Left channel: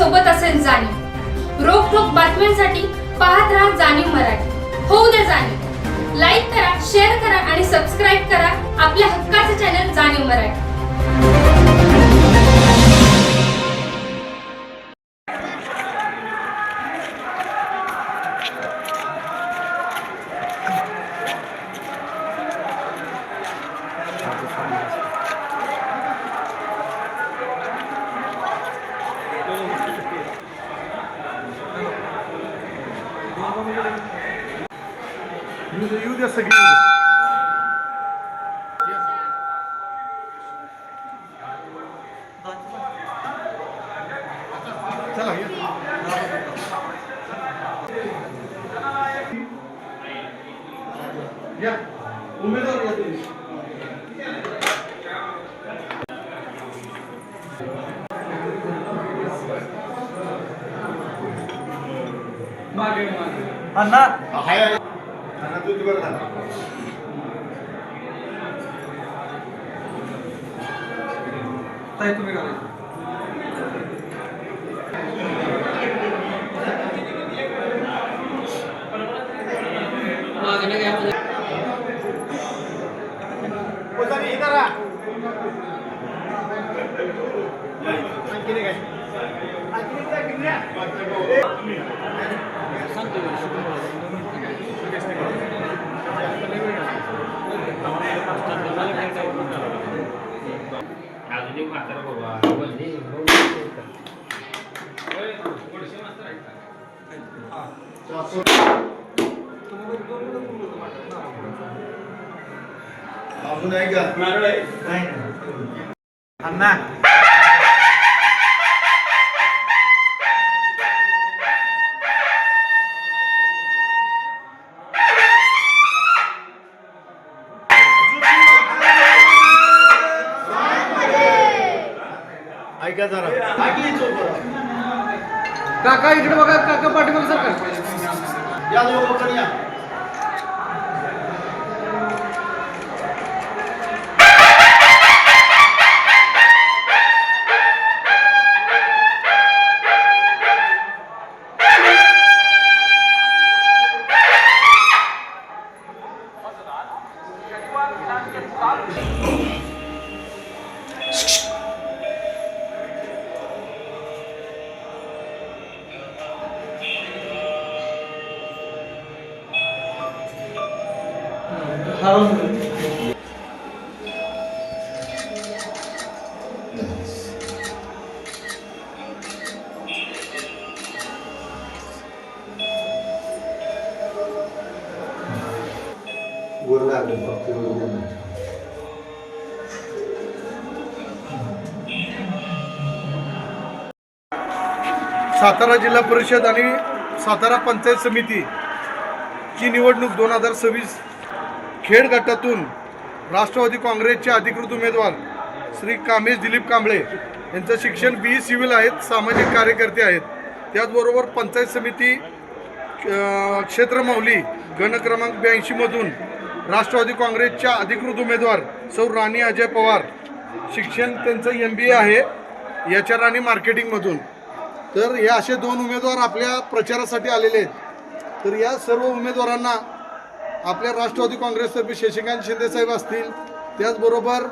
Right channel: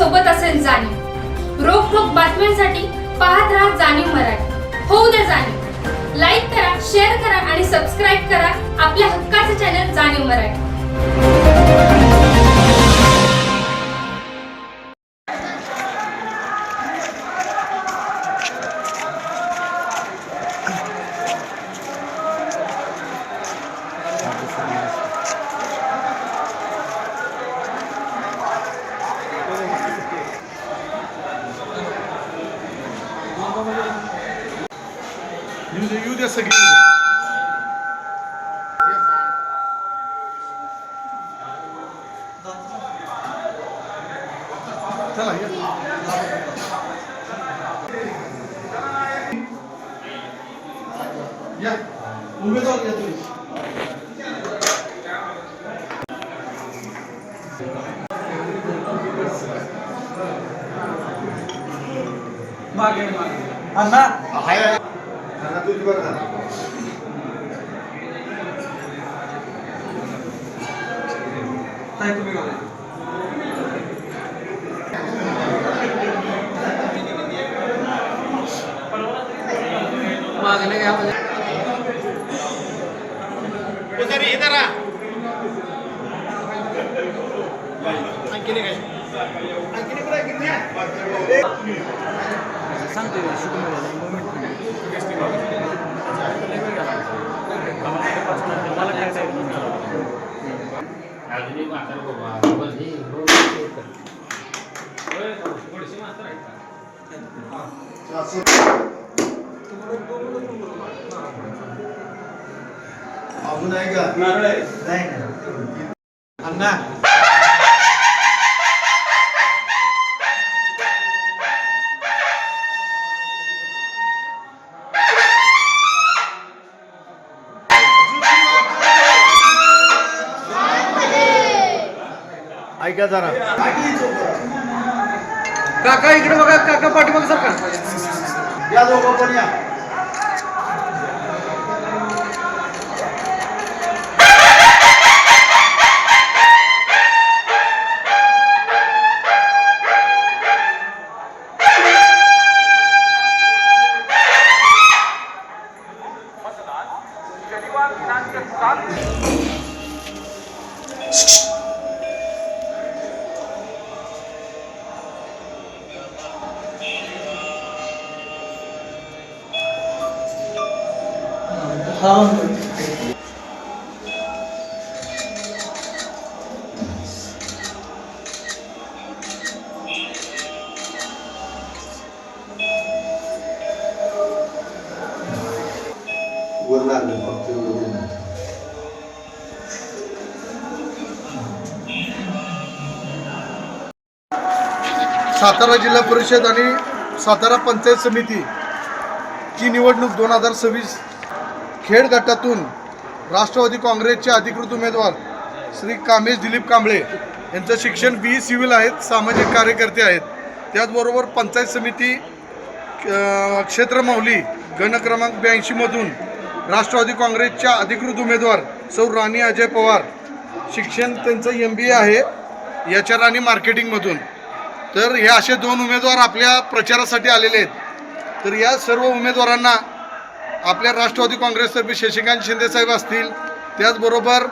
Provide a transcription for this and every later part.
सोबत असेल जाणीव। रोखोक बातम्यांसाठी पाहत राहा जाणीव मराठी। होऊ द्या जाणीव। लाईक करा, शेअर करा आणि सबस्क्राईब करा आपल्या हक्काचे चॅनल जाणीव मराठी। येऊ द्या सगळी चला या उमेदवार या तुम्ही अण्णा ताई तुम्ही घाला इधर आ अजून आहे का नाही अण्णा ऐका जरा काका इकडे बघा, काका पाठीमागे सरका या दोघं पण या वर लागलं फक्त सातारा जिल्हा परिषद आणि सातारा पंचायत समिती ची निवडणूक 2026 खेड गटातून राष्ट्रवादी काँग्रेसचे अधिकृत उमेदवार श्री कामेश दिलीप कांबळे यांचं शिक्षण BE सिव्हिल आहेत, सामाजिक कार्यकर्ते आहेत। त्याचबरोबर पंचायत समिती क्षेत्र माहुली गण क्रमांक 82 मधून राष्ट्रवादी काँग्रेसच्या अधिकृत उमेदवार सौ राणी अजय पवार, शिक्षण त्यांचं MBA आहे HR आणि मार्केटिंगमधून। तर हे असे 2 उमेदवार आपल्या प्रचारासाठी आलेले आहेत। तर या सर्व उमेदवारांना आपल्या राष्ट्रवादी काँग्रेसतर्फे शशिकांत शिंदे साहेब असतील, त्याचबरोबर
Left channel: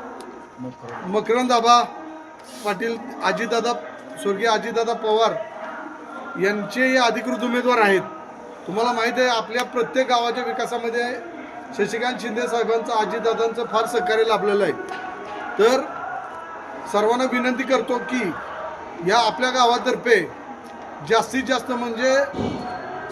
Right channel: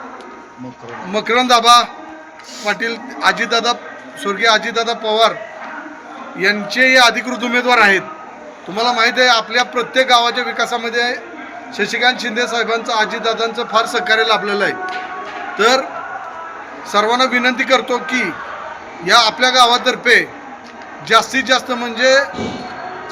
मकरंद आबा पाटील, अजितदादा स्वर्गीय अजितदादा पवार यांचे हे अधिकृत उमेदवार आहेत। तुम्हाला माहीत आहे आपल्या प्रत्येक गावाच्या विकासामध्ये शशिकांत शिंदे साहेबांचं, अजितदादांचं फार सहकार्य लाभलेलं आहे। तर सर्वांना विनंती करतो की या आपल्या गावातर्फे जास्तीत जास्त म्हणजे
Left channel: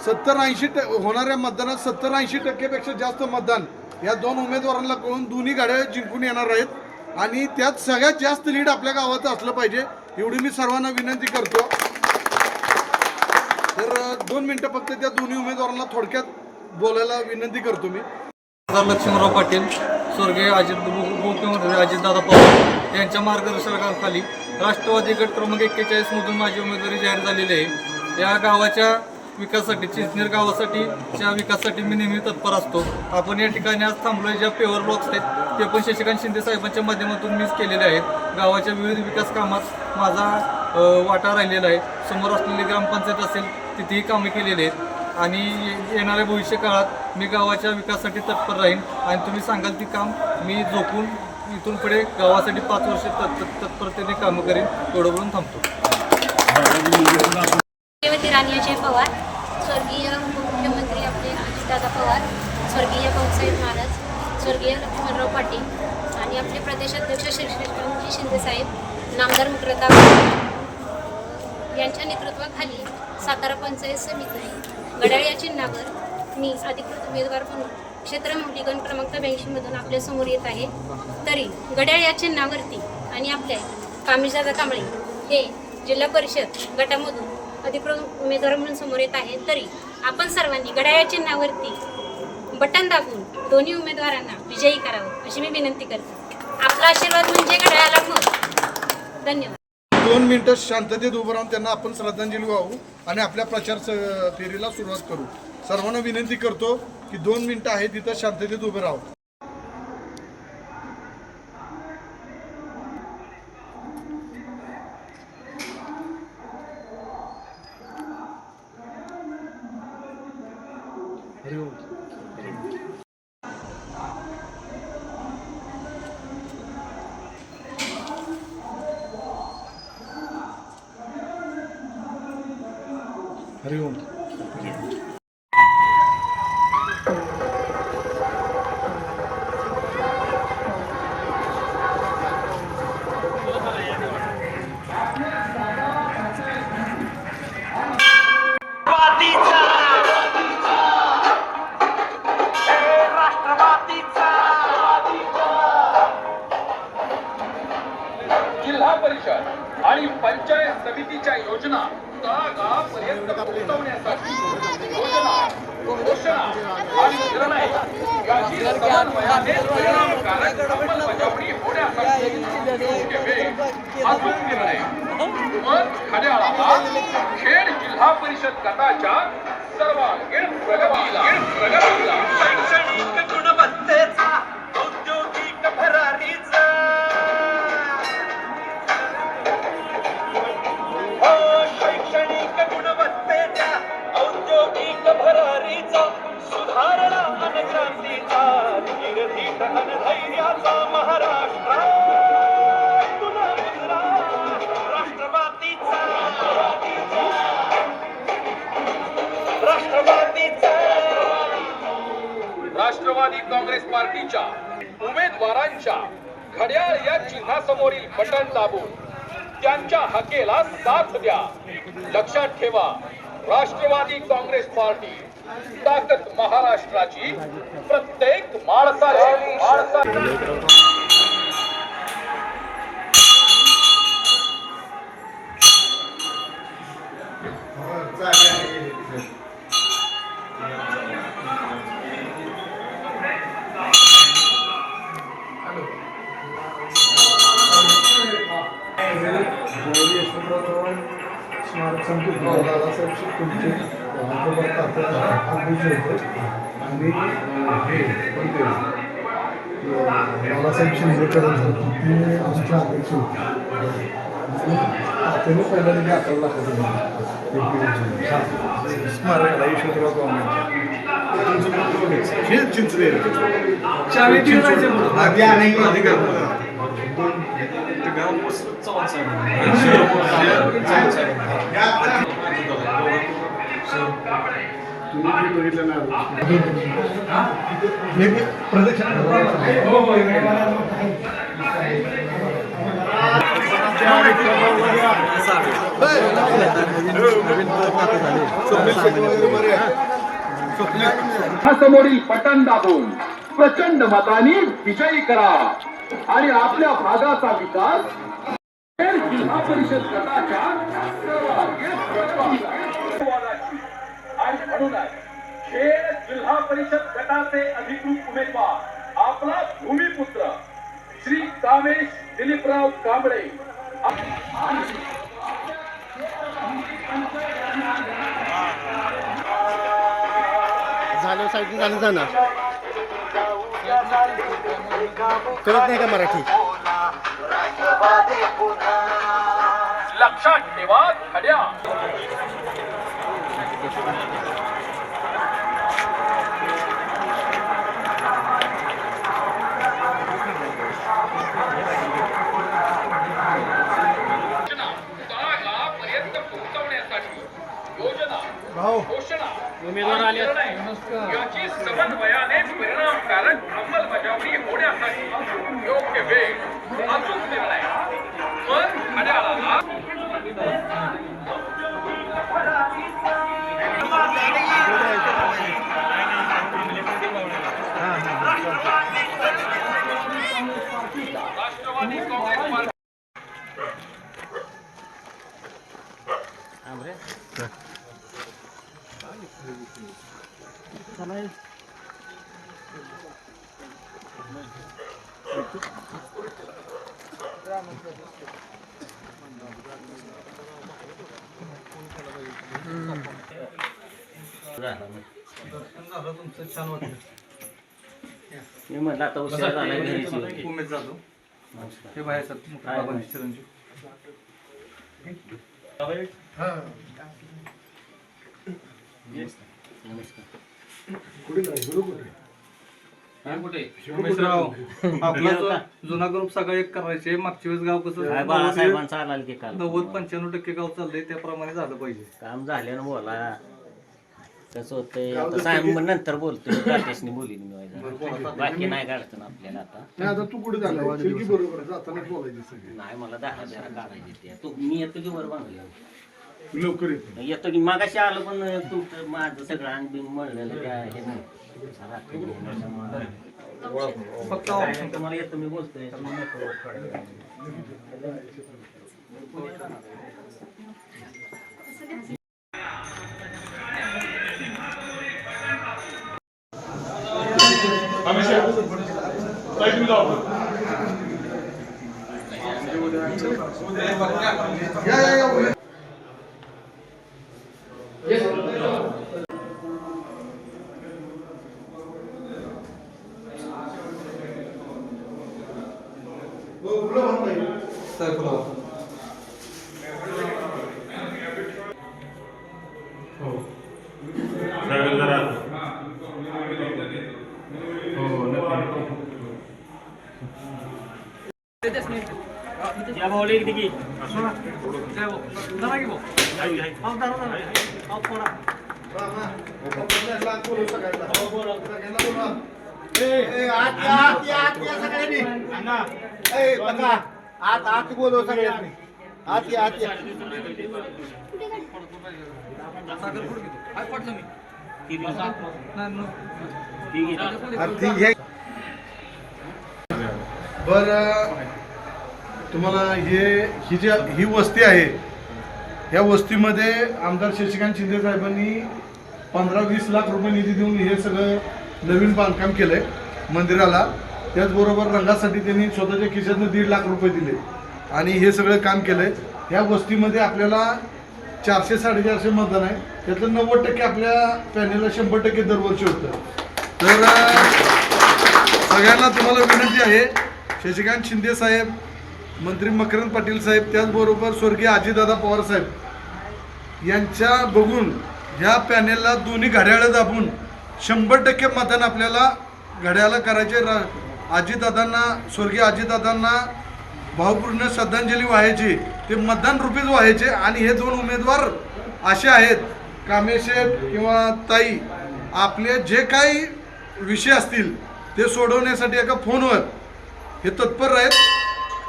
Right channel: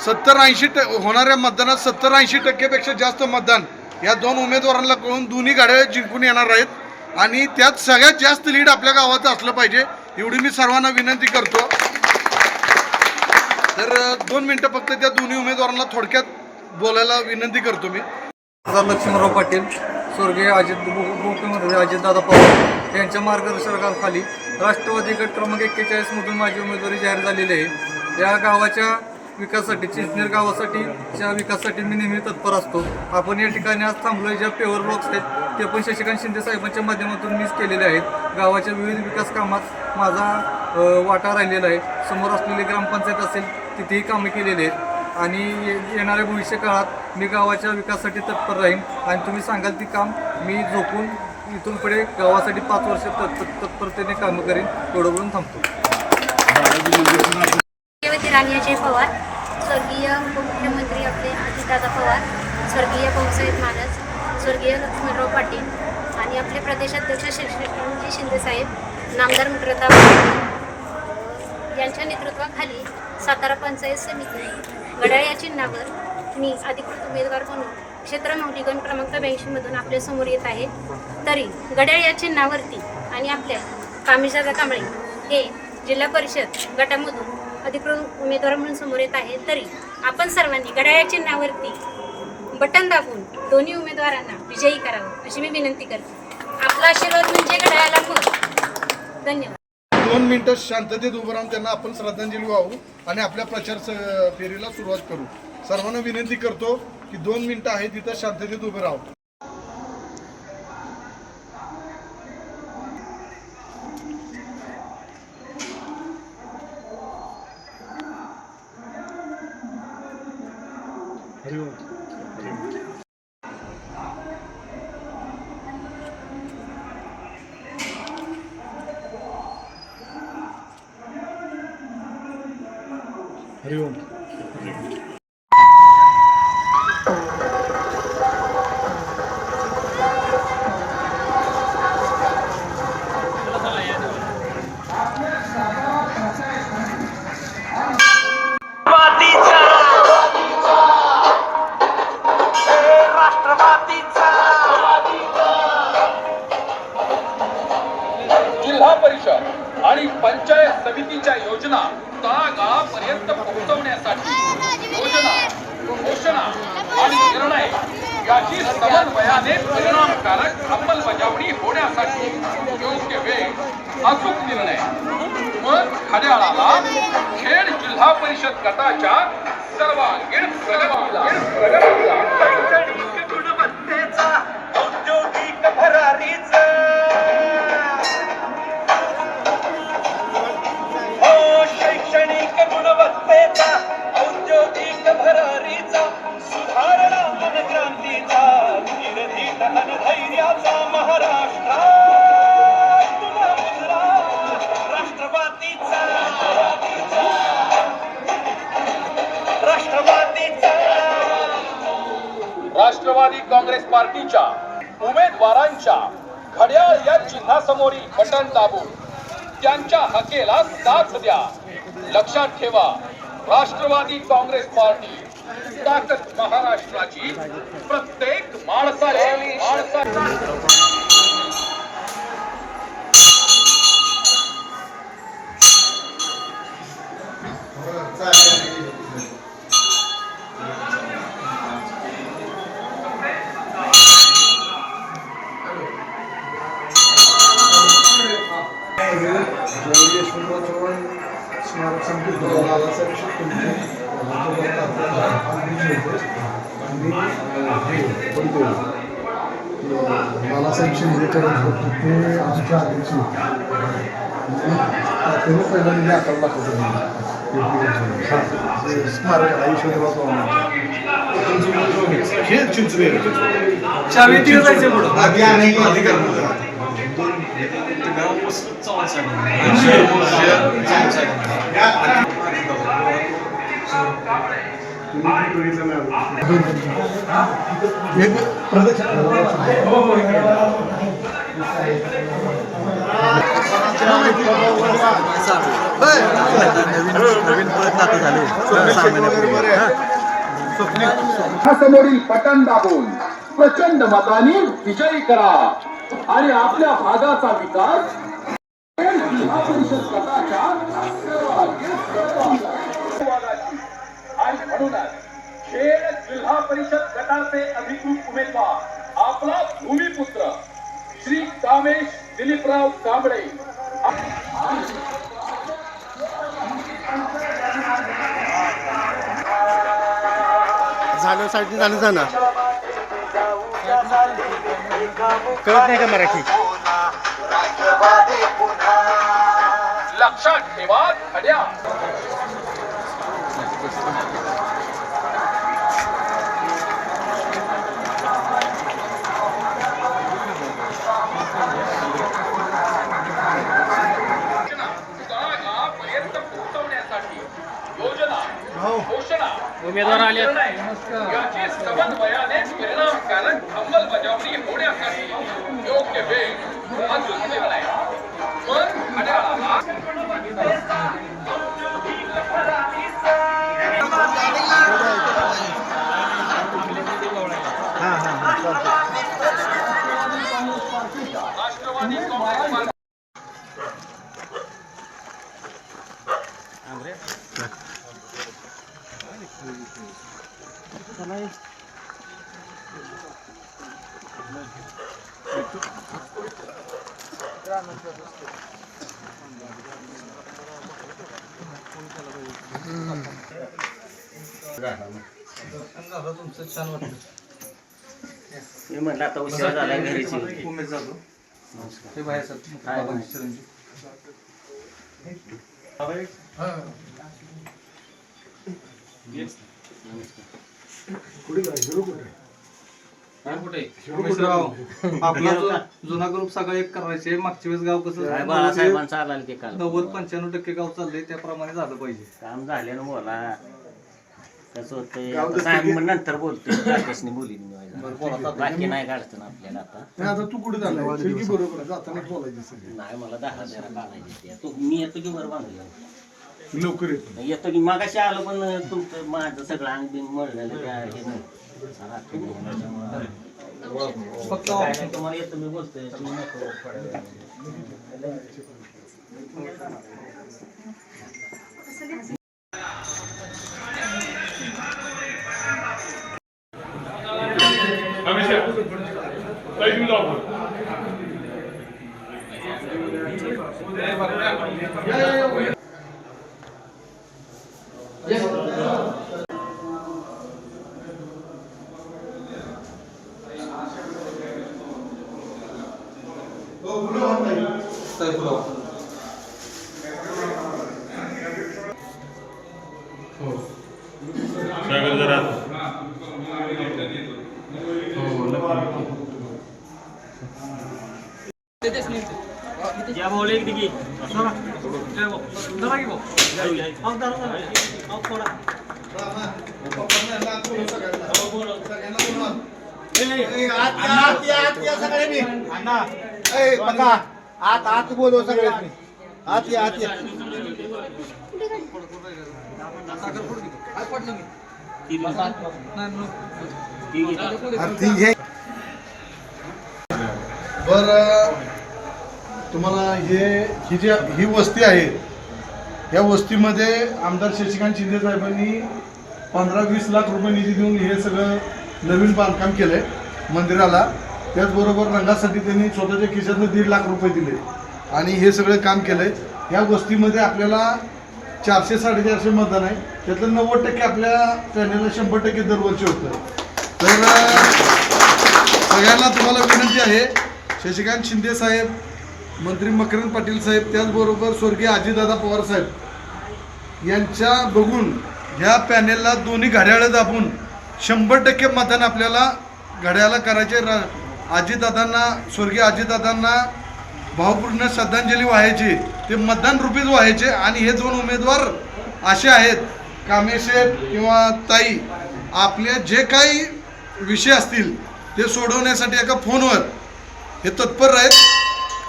70-80 होणाऱ्या मतदानात 70-80% जास्त मतदान या 2 उमेदवारांना कळून दोन्ही गाड्या जिंकून येणार आहेत आणि त्यात सगळ्यात जास्त लीड आपल्या गावाचं असलं पाहिजे एवढी मी सर्वांना विनंती करतो। तर 2 मिनिटं फक्त त्या दोन्ही उमेदवारांना थोडक्यात बोलायला विनंती करतो मी। लक्ष्मणराव पाटील, स्वर्गीय मुख्यमंत्री अजितदादा पवार यांच्या मार्गदर्शनाखाली राष्ट्रवादी गट क्रमांक 41 मधून माझी उमेदवारी जाहीर झालेली आहे। या गावाच्या विकासासाठी, चिंचनेर गावासाठीच्या विकासासाठी मी नेहमी तत्पर असतो। आपण या ठिकाणी आज थांबलोय, ज्या पेवर ब्लॉक्स आहेत ते पण शशिकांत शिंदे साहेबांच्या माध्यमातून मीच केलेले आहेत। गावाच्या विविध विकास कामात माझा वाटा राहिलेला आहे. समोर असलेली ग्रामपंचायत असेल तिथेही कामे केलेली आहेत आणि येणाऱ्या भविष्य काळात मी गावाच्या विकासासाठी तत्पर राहीन आणि तुम्ही सांगाल ती काम मी झोपून इथून पुढे गावासाठी 5 वर्ष तत्परतेने कामं करीन. एवढं बोलून थांबतो. राणी अजय पवार, स्वर्गीय उपमुख्यमंत्री आपले अजितदादा पवार, स्वर्गीय भाऊसाहेब महाराज, स्वर्गीय लक्ष्मणराव पाटील आणि आपले प्रदेशाध्यक्ष श्रीकांतजी शिंदेसाहेब, नामदार मुक्रताब यांच्या नेतृत्वाखाली सातारा पंचायत समिती घड्याळ या चिन्हावर मी अधिकृत उमेदवार म्हणून क्षेत्र मौलिकन क्रमांक 82 आपल्या समोर येत आहे. तरी घड्याळ या चिन्हावरती आणि आपल्या कामेशदादा कांबळे हे जिल्हा परिषद गटामधून अधिकृत उमेदवार म्हणून समोर येत आहे. तरी आपण सर्वांनी घड्याळ या चिन्हावरती बटन दाबून दोन्ही उमेदवारांना विजयी करावं अशी मी विनंती करते. आपला आशीर्वाद म्हणजे घड्याळाला मत. धन्यवाद. 2 मिनिटं शांततेत उभं राहून त्यांना आपण श्रद्धांजली वाहू आणि आपल्या प्रचार फेरीला सुरुवात करू. सर्वांना विनंती करतो की 2 मिनिटं आहे तिथं शांततेत उभे राहू. हरिओम. हरिओम. जिल्हा परिषद आणि पंचायत समितीच्या योजना तळागाळापर्यंत पोहोचवण्यासाठी योजना, घोषणा आणि निर्णय याची समन्वयाने परिणामकारक अंमलबजावणी होण्यासाठी योग्य वेळ, अचूक निर्णय मग खड्याळाला खेड जिल्हा परिषद गटाच्या सर्वांगीण प्रगतीला शैक्षणिक गुणवत्तेचा औद्योगिक भरारीचा शैक्षणिक गुणवत्तेचा औद्योगिक भरारीचा सुधारणा आणि क्रांतीचा धीरधीट आणि धैर्याचा महाराष्ट्र तुला मुद्रा राष्ट्रवादीचा राष्ट्रवादी काँग्रेस पार्टीच्या उमेदवारांच्या घड्याळ या चिन्हासमोरील बटन दाबून त्यांच्या हकेला साथ द्या. लक्षात ठेवा, राष्ट्रवादी काँग्रेस पार्टी ताकद महाराष्ट्राची, प्रत्येक माणसाला बाळासाहेब शिंदेकडे ते आमच्या अध्यक्ष होते. त्यांनी पहिल्यांदा 11 लाख स्मारकाला यशवंतराव हे चिंचवे बघितलं ना प्रदक्षिणा समोरील बटन दाबून प्रचंड मताने विजयी करा आणि आपल्या भागाचा विकास जिल्हा परिषद गटाच्या आणि म्हणूनच खेड जिल्हा परिषद गटाचे अधिकृत उमेदवार आपला भूमिपुत्र श्री कामेश दिलीपराव कांबळे झालं साईडने झालं जाणार कळत नाही का मराठी. लक्षात ठेवा घड्याळ. तळागाळापर्यंत पोहोचवण्यासाठी योजना, घोषणा, याची समन्वयानेच परिणामकारक अंमलबजावणी होण्यासाठी योग्य वेळ, अचूक निर्णय. पण घड्याळाला राष्ट्रवादी काँग्रेस पार्टी तुमचं छान वाटलं. मी म्हटलं आता उशिरा झाला घरीची. उमेद जातो हे बाहेर बाबांची चिरंजीव. उमेशराव, आपला जो जुना ग्रुप सगळा एक करायचे. मागच्या वेळेस गाव कसं बाळासाहेबांचा आला की काल 90-95% गाव चाललंय त्याप्रमाणे झालं पाहिजे. काम झाल्यानं बोला. कसं होतंय साहेब नंतर बोलतोय. राकेशने बोलीन मी बाकी नाही काढतं आपल्याला आता. नाही आता तू कुठे झाला बरोबर आहे, जातानाच बोलायची सगळी. नाही मला 10 काढायची. तू मी येतो की वर बांधलं लवकर येतो. येतो की मागाशी आलो पण तुमचं माझं सगळं अंग बिंग मळलेलं काय हे नाही. फक्त तुम्हाला येतो मी बोलतोय तुम्ही नको. आत बोलव सगळ्यांनी. आत या. बर, तुम्हाला ही वस्ती आहे. या वस्तीमध्ये आमदार शशिकांत शिंदे साहेबांनी 15-20 लाख रुपये निधी देऊन हे सगळं नवीन बांधकाम केलंय मंदिराला. त्याचबरोबर रंगासाठी त्यांनी स्वतःच्या खिशातून 1.5 लाख रुपये दिले आणि हे सगळं काम केलंय. या वस्तीमध्ये आपल्याला 400-450 मतदान आहे. त्यातलं 90% आपल्या पॅनेलला 100% दरवर्षी होतं. तर सगळ्यांना तुम्हाला विनंती आहे, शशिकांत शिंदे साहेब, मंत्री मकरंद पाटील साहेब, त्याचबरोबर स्वर्गीय अजितदादा पवार साहेब यांच्या बघून ह्या पॅनेलला दोन्ही घड्याळं दाबून 100% मतदान आपल्याला घड्याळाला करायचे. अजितदादांना, स्वर्गीय अजितदादांना भावपूर्ण श्रद्धांजली वाहायची. ते मतदान रूपीच व्हायचे. आणि हे दोन उमेदवार असे आहेत, कामेशेठ किंवा ताई, आपले जे काही विषय असतील ते सोडवण्यासाठी एका फोनवर हे तत्पर आहेत,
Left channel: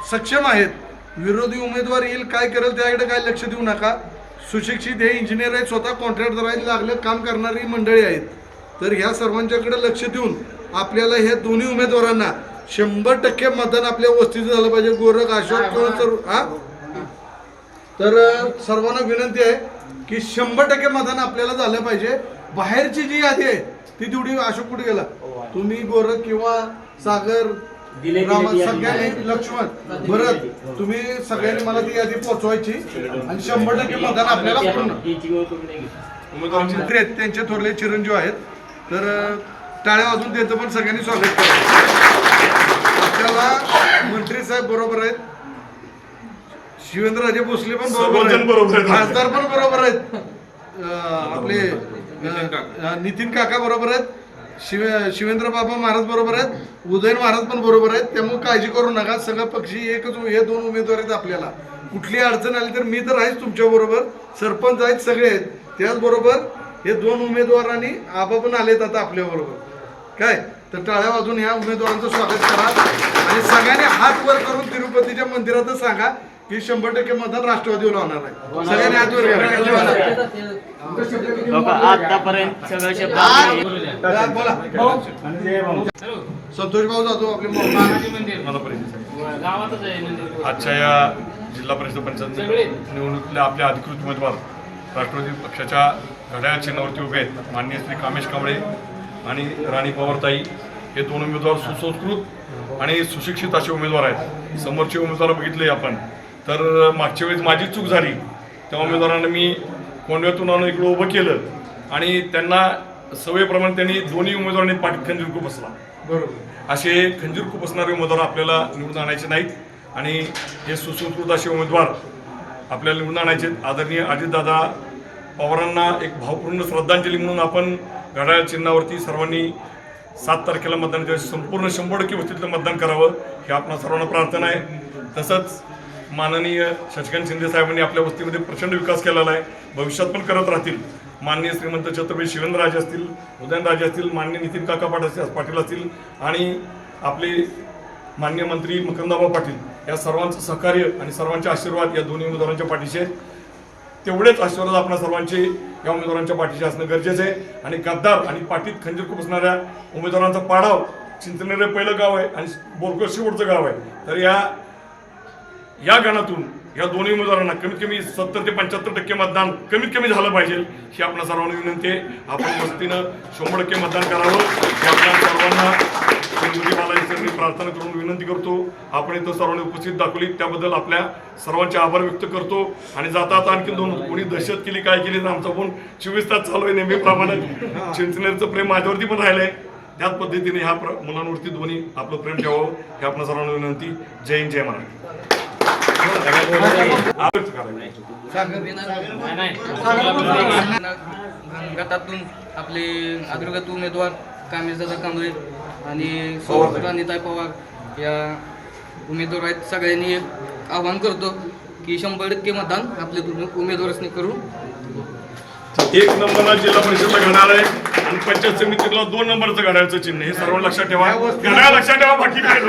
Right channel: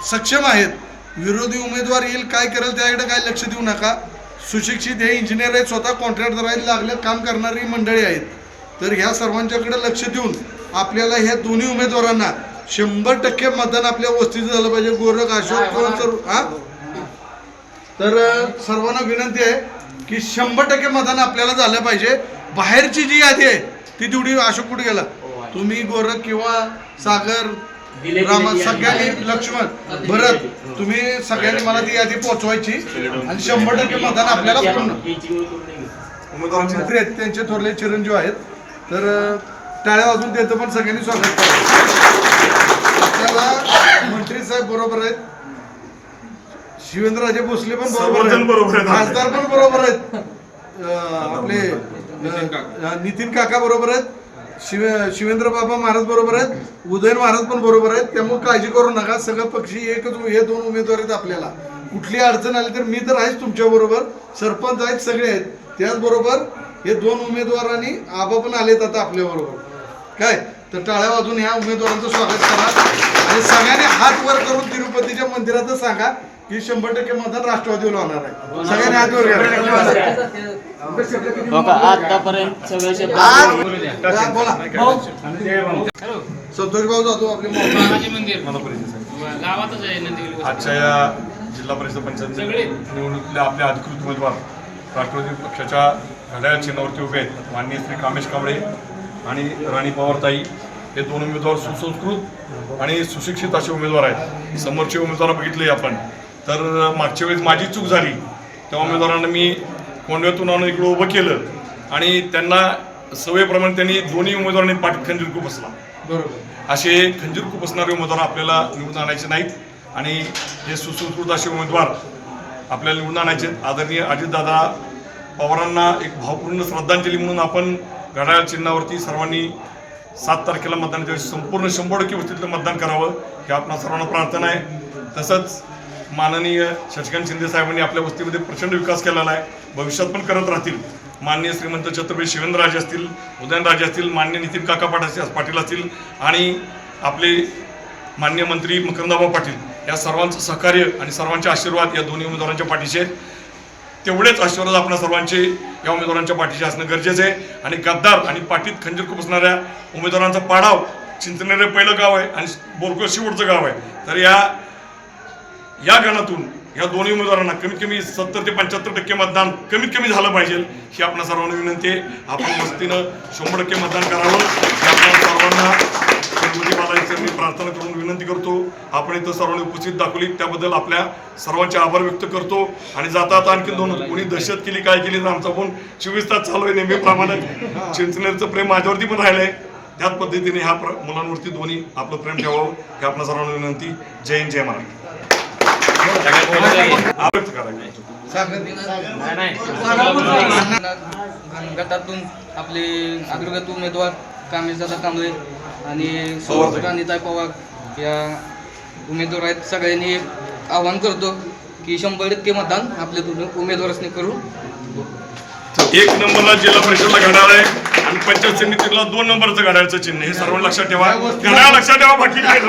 सक्षम आहेत. विरोधी उमेदवार येईल काय करेल त्याकडे काय लक्ष देऊ नका. सुशिक्षित हे इंजिनियर आहेत, स्वतः कॉन्ट्रॅक्टर आहेत, लागले काम करणारी मंडळी आहेत. तर ह्या सर्वांच्याकडे लक्ष देऊन आपल्याला हे दोन्ही उमेदवारांना 100% मतदान आपल्या वस्तीचं झालं पाहिजे. गोरख, अशोक, तर सर्वांना विनंती आहे की 100% मतदान आपल्याला झालं पाहिजे. बाहेरची जी यादी आहे ती तेवढी, अशोक कुठे गेला, तुम्ही गोरख किंवा सागर, रामा, सगळ्यांनी, लक्ष्मण, भरत, तुम्ही सगळ्यांनी मला ती यादी पोहोचवायची आणि 100% मतदान आपल्याला पूर्ण. मंत्री आहेत त्यांचे थोरले चिरंजीव आहेत, तर टाळ्या वाजून त्यांचं पण सगळ्यांनी स्वागत करावं. आपल्याला मंत्री साहेब बरोबर आहेत, शिवेंद्रराजे भोसले पण सर्वजण बरोबर आहेत. खासदार पण बरोबर आहेत. आपले नितीन काका बरोबर आहेत. शिवेंद्र बाबा महाराज बरोबर आहेत. उदयन महाराज पण बरोबर आहेत. त्यामुळे काळजी करू नका. सगळं पक्षी एकच, हे 2 उमेदवार आहेत. आपल्याला कुठली अडचण आली तर मी तर आहेच तुमच्या बरोबर. सरपंच आहेत, सगळे आहेत. त्याचबरोबर हे 2 उमेदवार आणि आबा पण आलेत आता आपल्या बरोबर. काय तर टाळ्या वाजून ह्या उमेदवारांचं स्वागत करा आणि सगळ्यांनी हात वर करून तिरुपतीच्या मंदिरातच सांगा की 100% मतदान राष्ट्रवादीला होणार आहे. सगळ्यांनी हात वर करा. आतापर्यंत सगळं शब्द बोला. संतोष भाऊ जातो आपले आजच्या या जिल्हा परिषद पंचायत निवडणुकीतल्या आपल्या अधिकृत उमेदवार राष्ट्रवादी पक्षाच्या घड्याळ चिन्हावरती उभे आहेत माननीय श्री कामेश कांबळे आणि राणी पवारताई. हे 2 उमेदवार सुसंस्कृत आणि सुशिक्षित असे उमेदवार आहेत. समोरचे उमेदवार बघितले आपण तर मागच्या वेळेस माझी चूक झाली. त्या उमेदवारांना मी कोंडव्यातून आणून इकडं उभं केलं आणि त्यांना सवयीप्रमाणे त्यांनी दोन्ही उमेदवारांनी पाठीत खंजीर खुपसला. असे खंजीर खुपसणारे उमेदवार आपल्याला निवडून आणायचे नाहीत आणि हे सुसंस्कृत असे उमेदवार आपल्याला निवडून आणायचे. आदरणीय अजितदादा पवारांना एक भावपूर्ण श्रद्धांजली म्हणून आपण घड्याळ चिन्हावरती सर्वांनी 7 तारखेला मतदानाच्या वेळेस संपूर्ण 100% वस्तीतलं मतदान करावं हे आपणा सर्वांना प्रार्थना आहे. तसंच माननीय शशिकांत शिंदे साहेबांनी आपल्या वस्तीमध्ये प्रचंड विकास केलेला आहे. भविष्यात पण करत राहतील. माननीय श्रीमंत छत्रपती शिवेंद्रराजे असतील, उदयनराजे असतील, माननीय नितीन काका पाटील असतील आणि आपले माननीय मंत्री मकरंदाबा पाटील या सर्वांचं सहकार्य आणि सर्वांचे आशीर्वाद या दोन्ही उमेदवारांच्या पाठीशी आहेत. तेवढेच आशीर्वाद आपल्या सर्वांचे या उमेदवारांच्या पाठीशी असणं गरजेचं आहे. आणि गद्दार आणि पाठीत खंजीर खुपसणाऱ्या उमेदवारांचा पाडाव चिंचनेर पहिलं गाव आहे आणि बोरकोळ शेवटचं गाव आहे. तर या गणातून या दोन्ही उमेदवारांना कमीत कमी 70 ते 75% मतदान कमीत कमी झालं पाहिजे ही आपल्या सर्वांना विनंती आहे. आपण वस्तीनं 100% मतदान करावं ही आपल्या सर्वांना तिरुपती बालाजींची मी प्रार्थना करून विनंती करतो. आपण इथं सर्वांनी उपस्थित दाखवली त्याबद्दल आपल्या सर्वांचे आभार व्यक्त करतो. आणि जाता आता आणखी 2 कोणी दहशत केली काय केली तर आमचा फोन 24 तास चालू आहे नेहमीप्रमाणे. चिंचनेरचं प्रेम माझ्यावरती पण राहिलं आहे. त्याच पद्धतीने ह्या मुलांवरती दोन्ही आपलं प्रेम ठेवावं ही आपल्या सर्वांना विनंती. जय हिंद जय महाराष्ट्र. गटातून आपले अग्रगत उमेदवार कामेशदादा कांबळे आणि राणीताई पवार या उमेदवार आहेत. सगळ्यांनी आवाहन करतो की 100% मतदान आपल्या उमेदवारांनी करू. 1 नंबरला जिल्हा परिषदला घड्याळ आहे आणि पंचायत समितीला 2 नंबरचं घड्याळचं चिन्ह हे सर्व लक्षात ठेवा. घड्याळ लक्षात ठेवा बाकी काय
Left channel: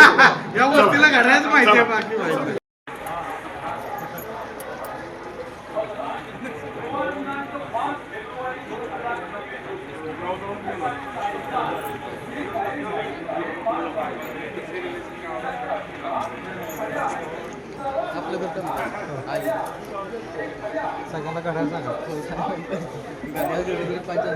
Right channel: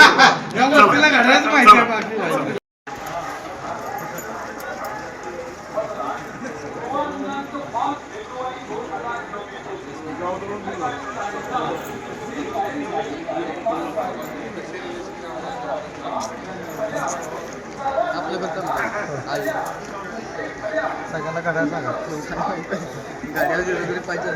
सगळ्यांना घड्याळ सांगा. गाड्या पाहिजे.